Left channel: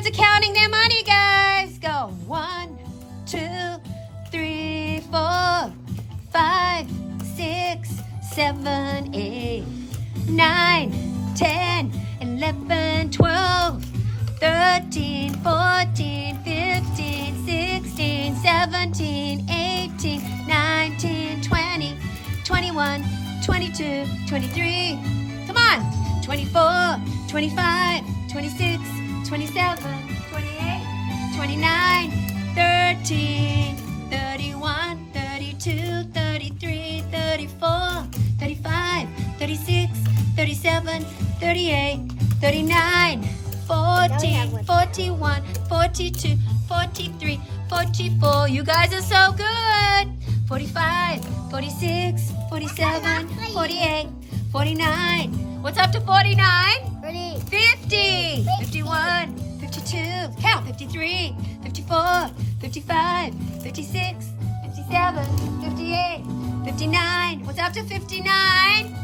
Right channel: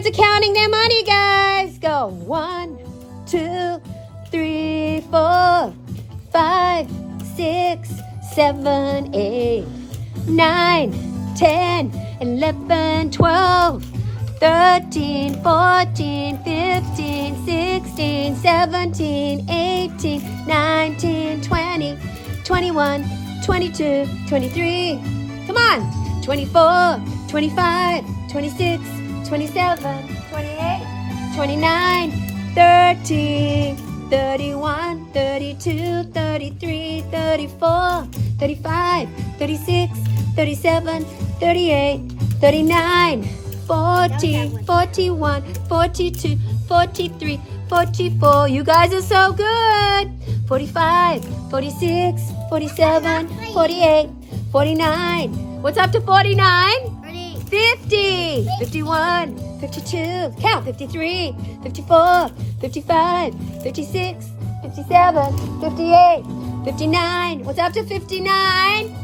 pirates are counting their money, guys. Go 1, 2, 3, 4, 5, 6, 7, 8, 9, 10, 11, 12, 13, 14, 15, 16, 17, 18, 19, 20, 21, 22, 23. Come on. 24, 25, 26, 27, 28, 29, 30, 31, 32, 33, 34, 35, 36, 37, 38, 39, 40, 41, 42, 43, 44. You guys are so good. 45, 46, 47, 48, 49. What's up to 49? 50, 51, 52, count, 53, 54, 55, 56, 57, 58, 59. What's up to 59?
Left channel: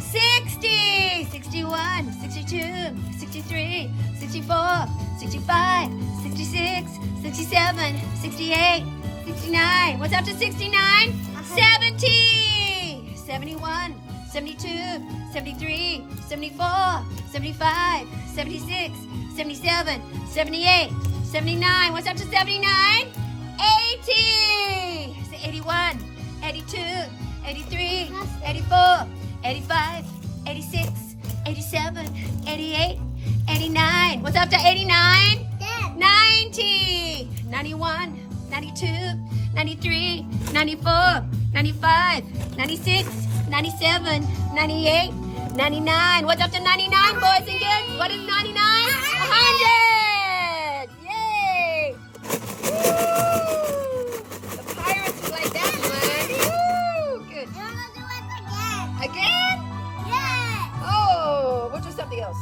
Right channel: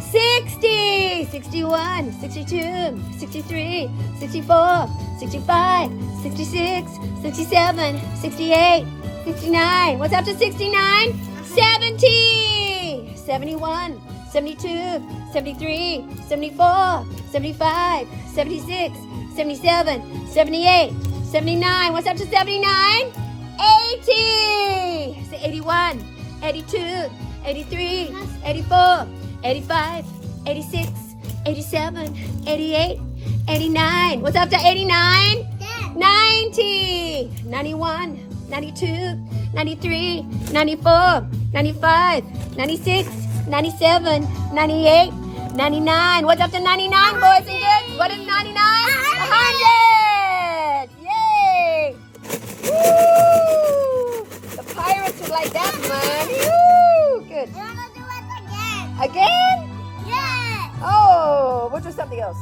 60, 61, 62, 63, 64, 65, 66, 67, 68, 69. What's up to 69? 70, 71, 72, 73, 74, 75, 76, 77, 78, 79. What's up to 79? 80, 81, 82, 83, 84, 85, 86, 87, 88, 89. What's up to 89? 90, 91, 92, 93, 94, 95, 96, 97, 98, 99. What's up to 99, boys and girls? What is 99? 100! Yay! Woo! The pirates would like that one. Woo! Good. We're gonna do it again. Again? Yeah. Oh, we'll do something else.